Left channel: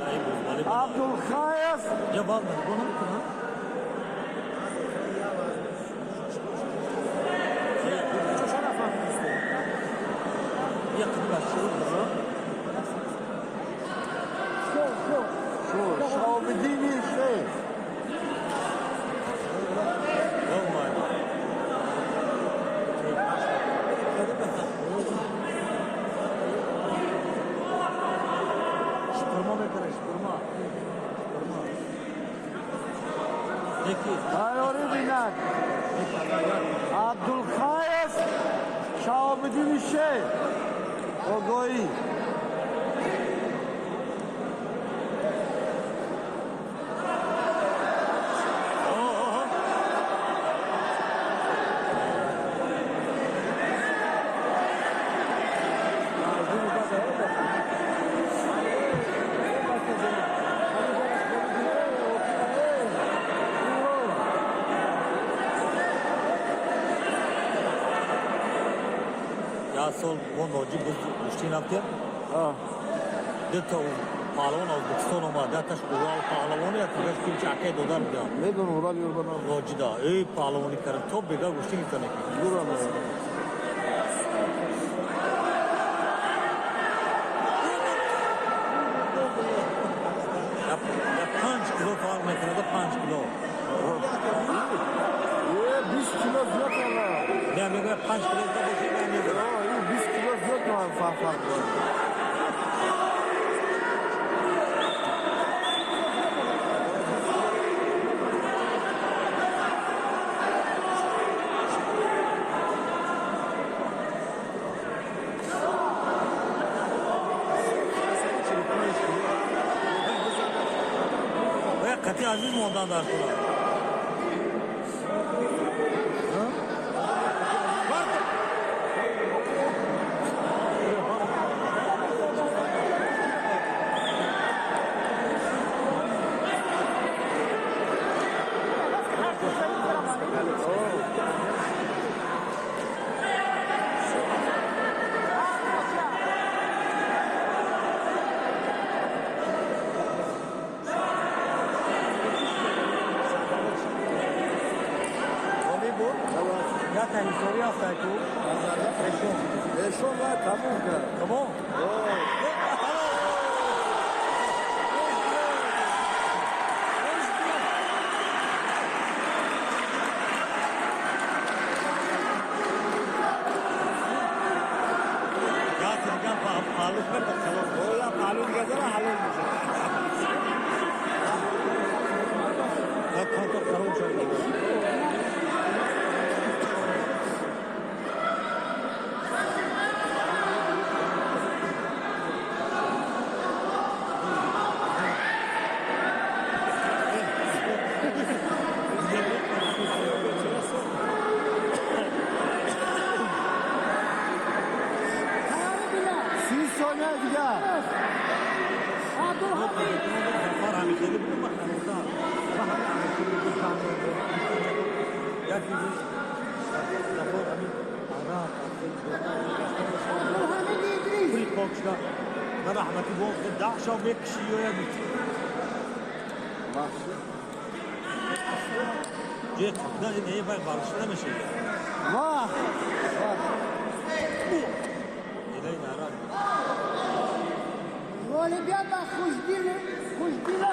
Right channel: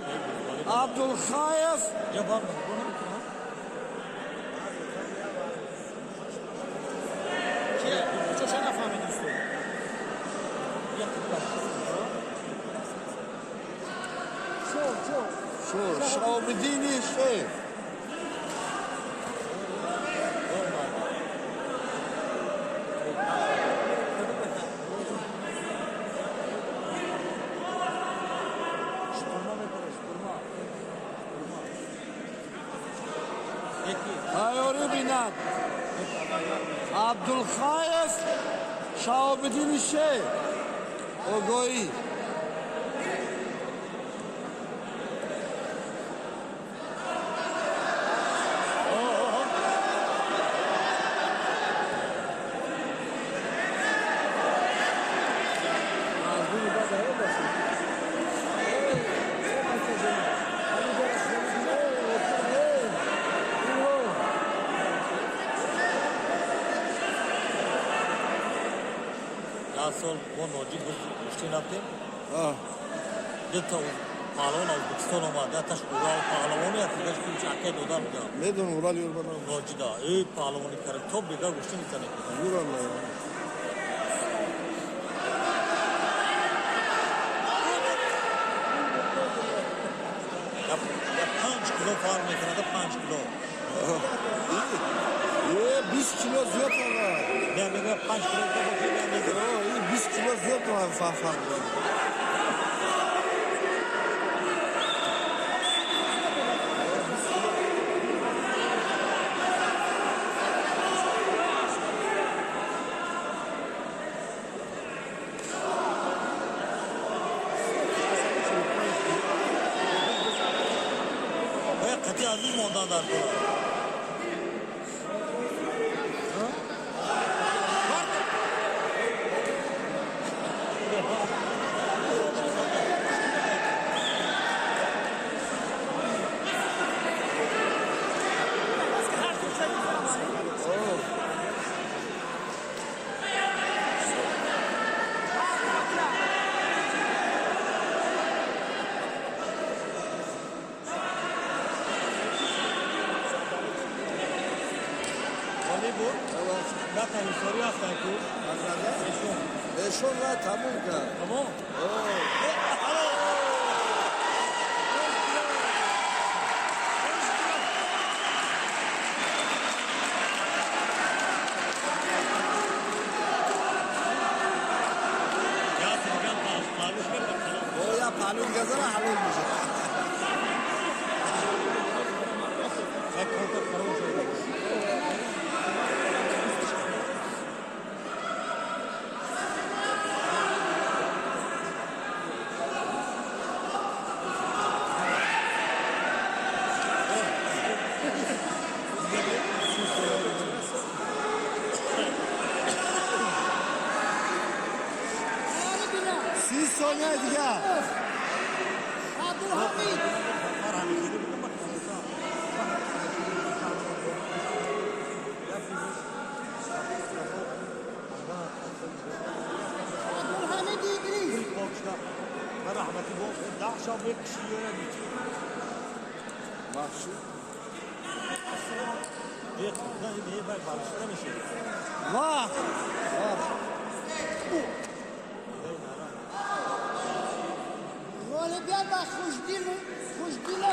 بیناد عبدالخایف جبار bunu چه نفهمیدی؟ yakında شو شهاب الدين الشيخ Şurma bekle, şurma. Peki. هايوري بیناد عبدالخایف شهاب الدين الشيخ اوگویی Asıl bu noci müşkin yaptım. Deta pahlavan Özbekistan olma. Deta Ural pahlavanı yaptı. Beş kim çakay dodan diyor. ندون ورال يوربنا Noci da. Ey pahlavanı karın. Top bega müşkin istene ki. نورا Ya 5 kilo falan mekanada 5 kilo. 20 kilo زیاد ama Ben de 5 kilo da bakayım ben de. 20 kilo زیاد var farklı. Ve katı aziz mi ondan da artık? Bu? Ya tehlikeli ya sayku. Eşon var tamam ki. Tamam. Ya sen pahalı şey bakalım. Ya palun gazana halil olacak. Ben kontrol karım şöyle. Siz sonra diye. Var hani kedi bunu bak. كل بوكسلا رحمة بوكس دعشة بيكشيو جيت ده ايه بقى ده مش ايه Vah. Олімпіада Хуздіна